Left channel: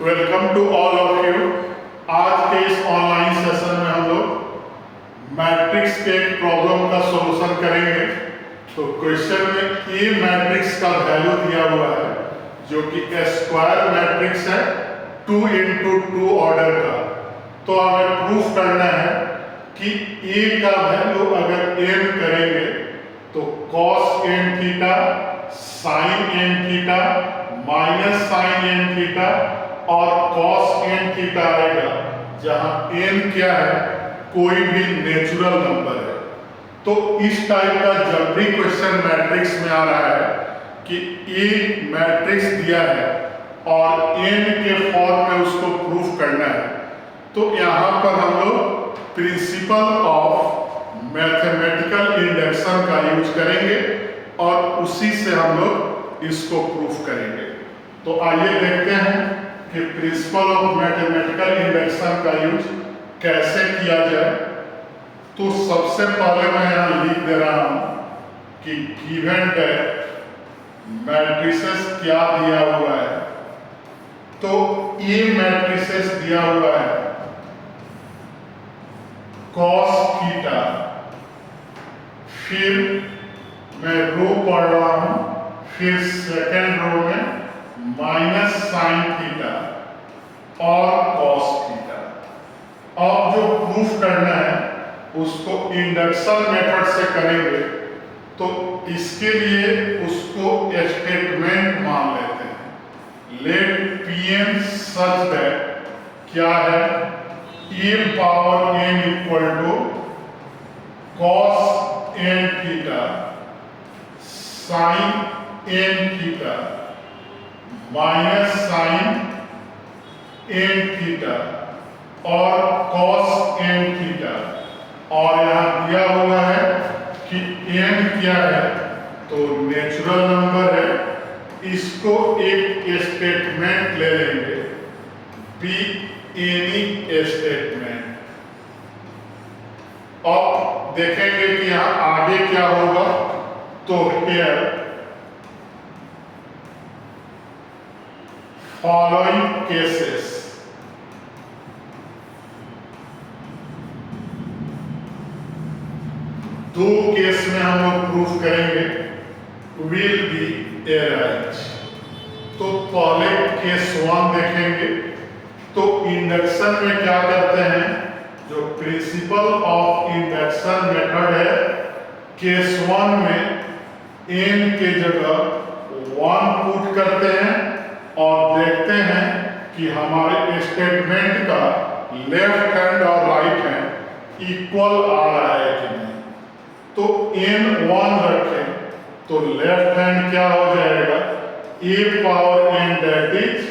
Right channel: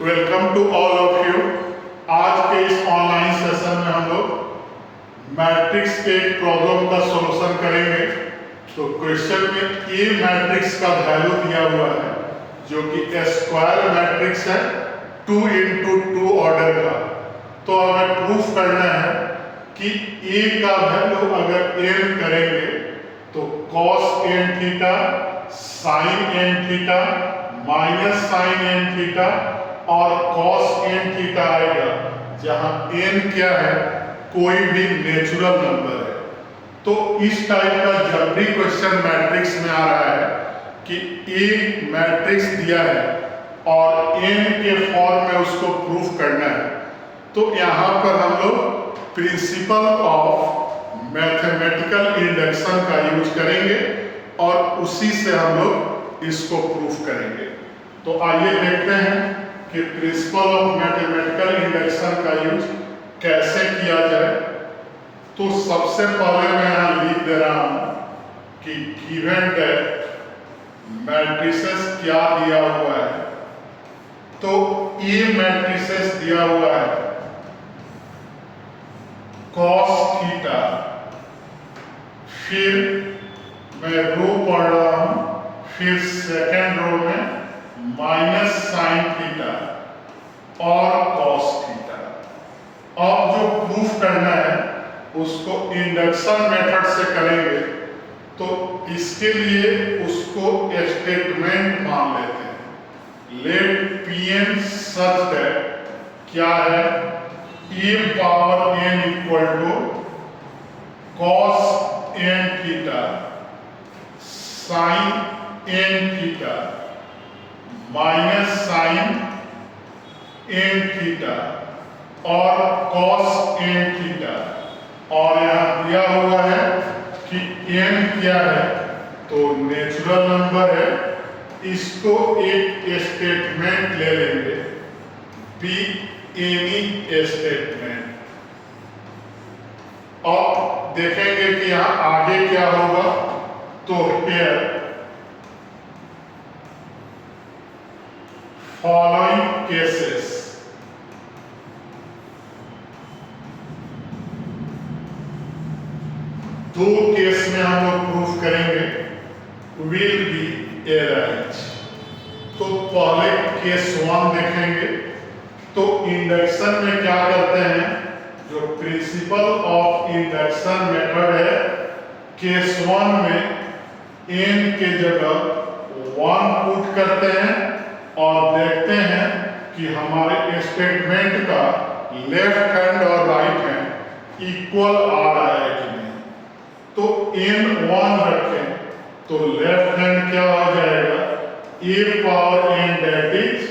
Welcome to all of you. आज के इस ऑनलाइन सेशन में हम लोग मैट्रिक्स के एक प्रॉब्लम का सॉल्यूशन करेंगे। तो क्वेश्चन में ए मैट्रिक्स का वैल्यू दिया हुआ है जो कि स्क्वायर मैट्रिक्स है 2 into 2 ऑर्डर का। तो हमें प्रूफ करना है कि ए का वैल्यू अगर n करेंगे तो cos n theta sin n theta minus sine n theta और cos n थीटा आएगा, जहां n क्या है, कोई भी नेचुरल नंबर है। तो इस टाइप का जब भी क्वेश्चन मैट्रिक्स में आ रहा है कि ए मैट्रिक्स दिया है और n के फॉर्म में उसको प्रूफ करना है, तो यहाँ पर हम लोग प्रिंसिपल ऑफ मैथमेटिकल इंडक्शन का यूज करेंगे और उसी से हम लोग इसको प्रूफ करेंगे। तो आइए देखते हैं कि प्रिंसिपल ऑफ मैथमेटिकल इंडक्शन का यूज कैसे किया जाए। तो सबसे पहले मैं यहाँ लिख दे रहा हूँ कि गिवन दैट मैट्रिसेस क्या दिया हुआ है। तो ये मैट्रिसेस दिया हुआ है cos थीटा, फिर मैं रो पढ़ रहा हूँ, फिर सेकेंड रो में माइनस साइन थीटा और cos थीटा। अब जो प्रूफ करना है उसको इंडक्शन मेथड से करेंगे, तो इसके लिए उसको स्टेटमेंट मान लेते हैं। लेट Pn सच दैट क्या है, a power n equal to cos n theta sin n theta minus sine n theta और cos n थीटा। और यहाँ दिया हुआ है कि n क्या है, तो नेचुरल नंबर है। इसको एक स्टेटमेंट ले लेंगे, बी एनी स्टेटमेंट। अब देखेंगे कि यहाँ आगे क्या होगा। तो हियर फॉलोइंग केसेस, दो केस में हम लोग प्रूफ करेंगे विल बी एराइज। तो पहले केस 1 देखेंगे। तो इंडक्शन में क्या करते हैं, जो प्रिंसिपल ऑफ इंडक्शन मेथड है, केस 1 में n के जगह 1 पुट करते हैं और देखते हैं कि हमारे स्टेटमेंट का लेफ्ट हैंड और राइट हैंड इक्वल आ रहा है कि नहीं। तो n 1 रखें तो लेफ्ट हैंड क्या हो जाएगा, a power n that is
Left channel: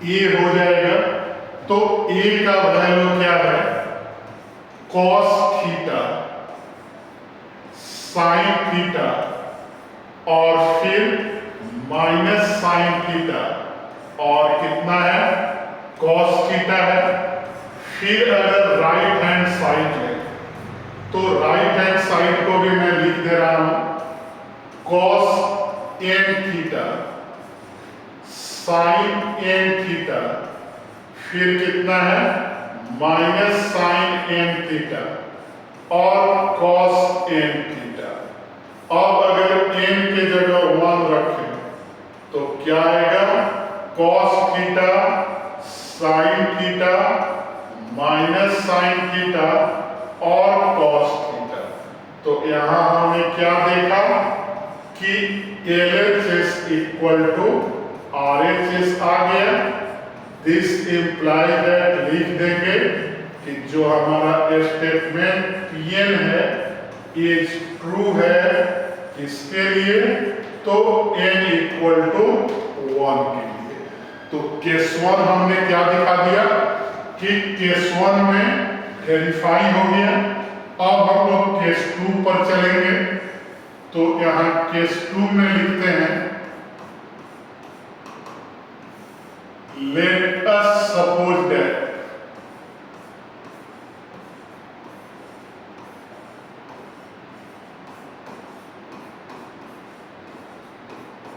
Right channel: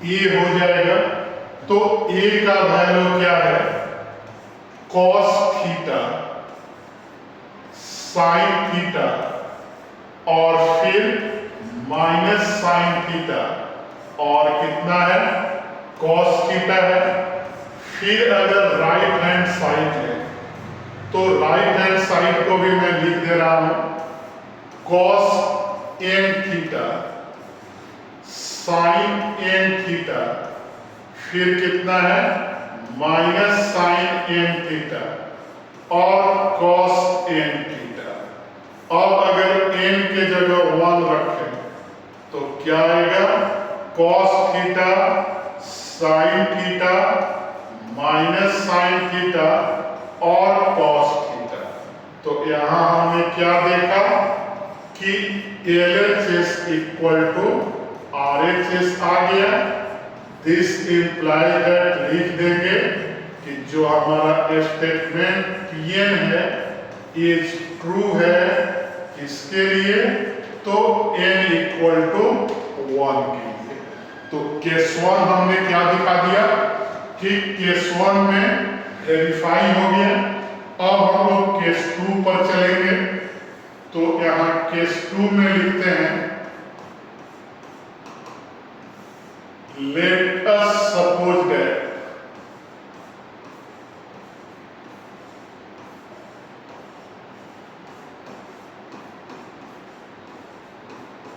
a हो जाएगा। तो a का वैल्यू क्या है, cos थीटा sin थीटा और फिर माइनस साइन थीटा और कितना है, cos थीटा है। फिर अगर राइट हैंड साइड है तो राइट हैंड साइड को भी मैं लिख दे रहा हूं, cos n theta sin n theta, फिर कितना है, माइनस साइन n थीटा और cos n थीटा। अब अगर n के जगह 1 रखें तो क्या आएगा, cos theta sin theta minus sine theta और cos थीटा। तो यहां हमने क्या देखा कि LHS इक्वल टू RHS आ गया। दिस इम्प्लाई दैट लिख देंगे कि जो हमारा स्टेटमेंट Pn है इज ट्रू है इसके लिए, तो n इक्वल टू 1 के लिए। तो केस 1 हमने क्या दिखा दिया कि केस 1 में वेरीफाई हो गया। अब हम लोग केस 2 पर चलेंगे। तो यहाँ केस 2 में लिखते हैं, let us suppose that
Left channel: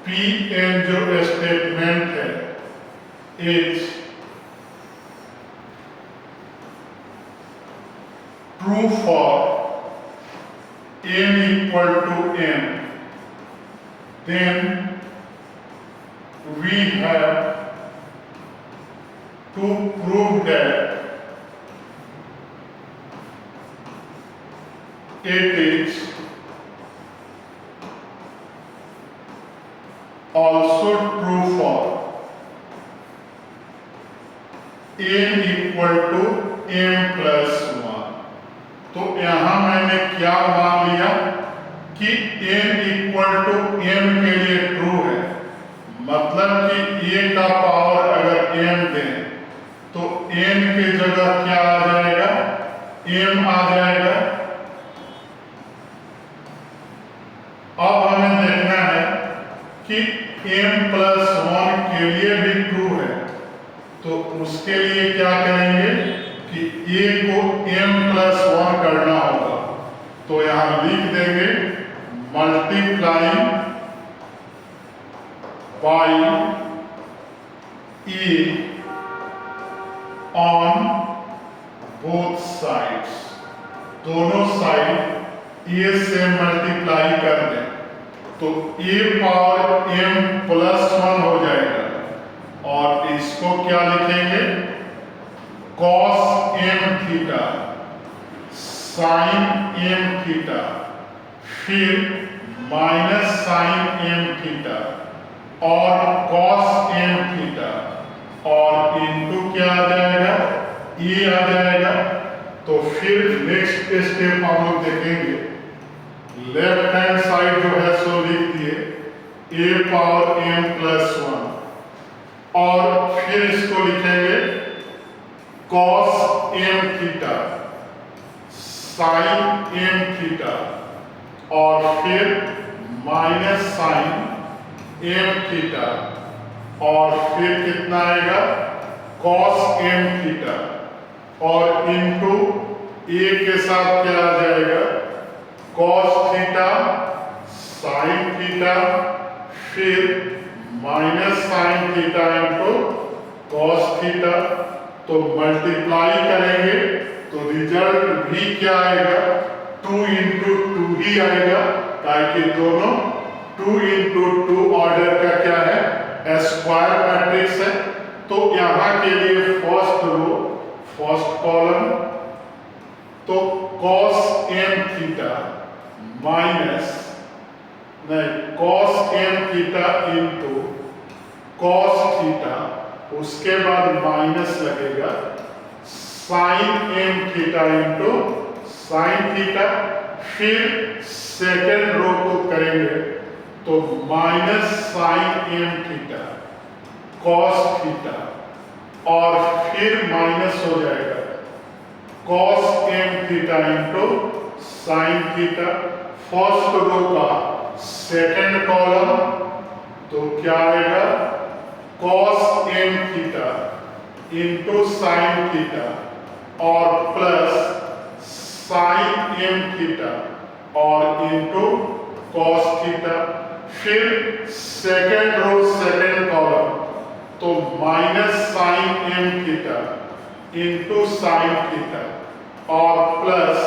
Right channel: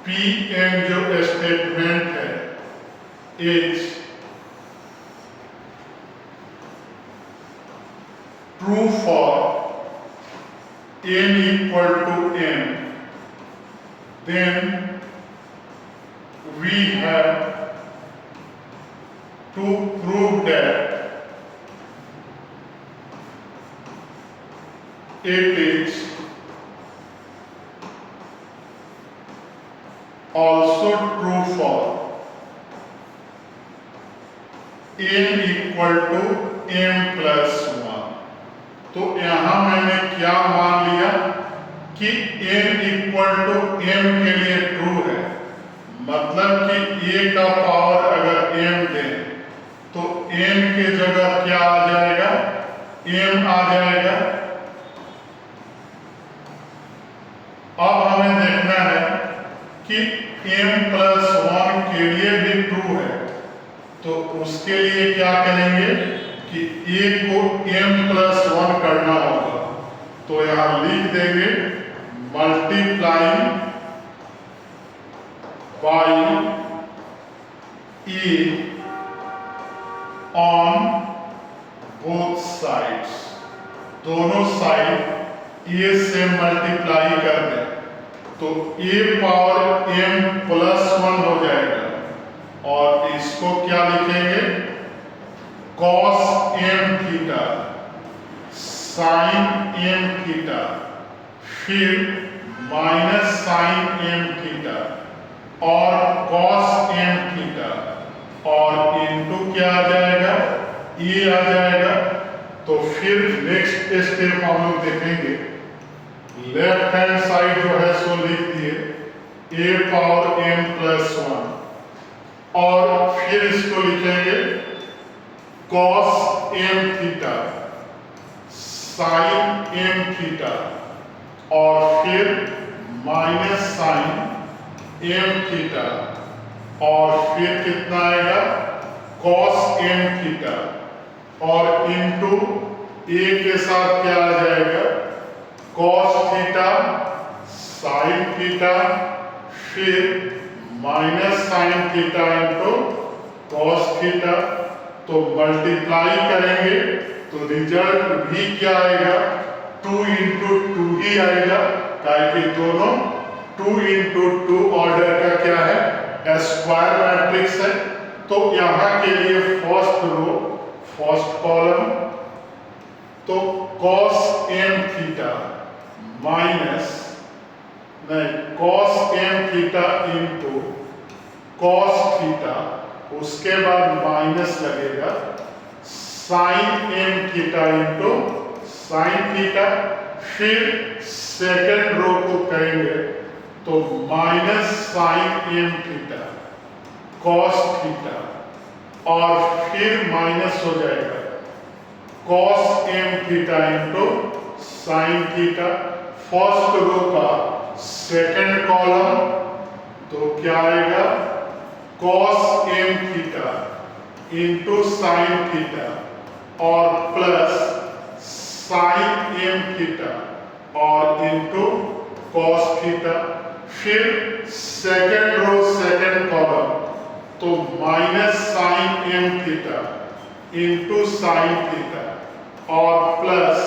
Pn जो स्टेटमेंट है is true for n equal to n, then we have to prove that it is also true for n equal to m plus 1। तो यहां मैंने क्या मान लिया कि n इक्वल टू m के लिए ट्रू है, मतलब कि a का पावर अगर m दें तो n की जगह क्या आ जाएगा, m आ जाएगा। अब हमें देखना है कि m प्लस 1 के लिए भी ट्रू है, तो उसके लिए क्या करेंगे कि a को m प्लस 1 करना होगा। तो यहां लिख देंगे multiplying by a on both sides, दोनों साइड a से मल्टीप्लाई कर दें तो a पावर m प्लस 1 हो जाएगा, और इसको क्या लिखेंगे cos m theta sin m theta, फिर माइनस sin m थीटा और cos m थीटा, और इनटू क्या आ जाएगा e आ जाएगा। तो फिर नेक्स्ट स्टेप हम लोग देखेंगे, लेफ्ट हैंड साइड जो है सो लिख दिए a पावर m प्लस 1, और फिर इसको लिखेंगे cos m theta sin m theta, और फिर माइनस sin m थीटा, और फिर कितना आएगा cos m थीटा, और इनटू a के साथ क्या आ जाएगा cos थीटा sin थीटा, फिर minus sin theta into cos theta. तो मल्टीप्लाई करेंगे तो रिजल्ट भी क्या आएगा 2 इंटू 2 ही आएगा, क्योंकि दोनों 2 इंटू 2 ऑर्डर का क्या है स्क्वायर मैट्रिक्स है। तो यहां के लिए फर्स्ट रो फर्स्ट कॉलम, तो cos m theta minus cos m theta into cos theta, उसके बाद माइनस लगेगा sin m theta into sin theta, फिर सेकेंड रो को करेंगे तो minus sin m theta cos theta, और फिर माइनस हो जाएगा cos m theta into sin theta, first row का सेकेंड कॉलम, तो क्या आएगा cos m theta into sin theta और प्लस sin m थीटा और इंटू cos थीटा, फिर सेकेंड रो सेकेंड कॉलम, तो minus sin m theta into sin theta और plus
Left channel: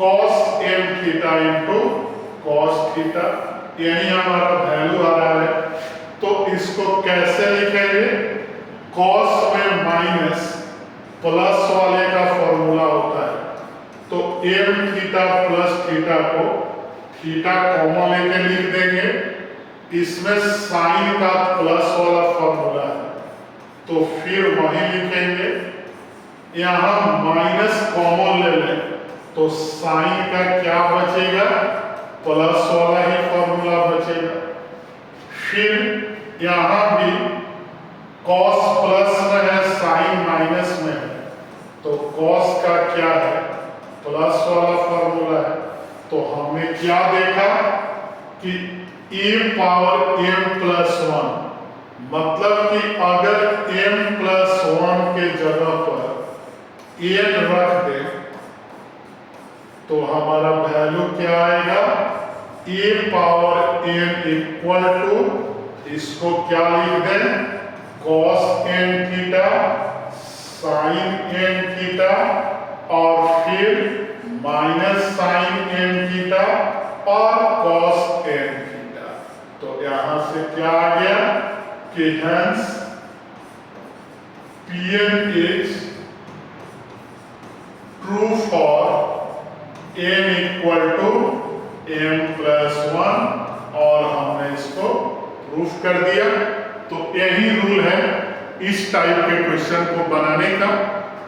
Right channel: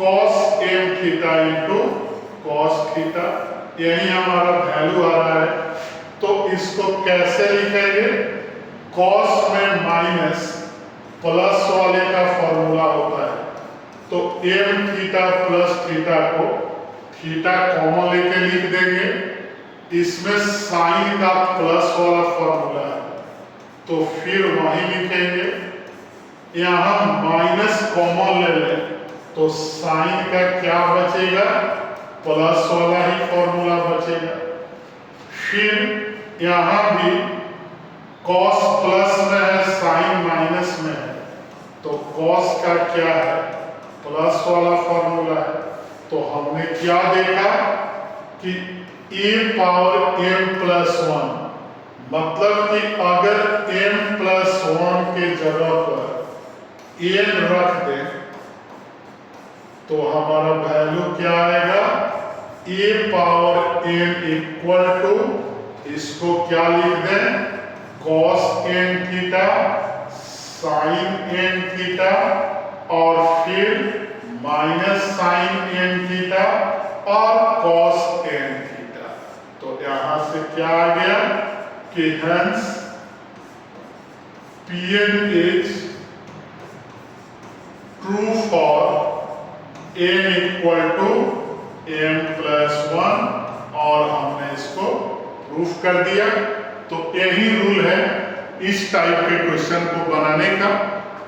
cos m theta into cos theta. यही हमारा value आ रहा है। तो इसको कैसे लिखेंगे, cos में माइनस प्लस वाले का फॉर्मूला होता है, तो m थीटा प्लस थीटा को थीटा कॉमन लेके लिख देंगे, इसमें साइन का प्लस वाला फॉर्मूला है, तो फिर वही लिखेंगे। यहां माइनस कॉमन ले लें तो साइन का क्या बचेगा प्लस वाला ही फॉर्मूला बचेगा। फिर यहां भी cos प्लस में है साइन माइनस में है, तो cos का क्या है प्लस वाला फॉर्मूला है। तो हमने क्या देखा कि a पावर m प्लस 1, मतलब कि अगर m प्लस 1 के जगह पर n रख दें तो हमारा वैल्यू क्या आएगा a power n equal to, इसको क्या लिख दें cos n theta, sine n theta और फिर माइनस साइन एन थीटा और कॉस एन थीटा। तो यहां से क्या आ गया कि hence Pn is true for n equal to m+1 और हमने इसको प्रूफ कर दिया। तो यही रूल है इस टाइप के क्वेश्चन को बनाने का।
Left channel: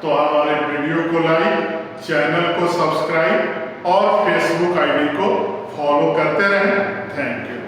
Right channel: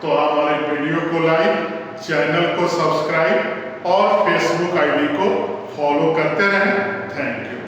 तो हमारे वीडियो को लाइक, चैनल को सब्सक्राइब और फेसबुक आईडी को फॉलो करते रहें। Thank you.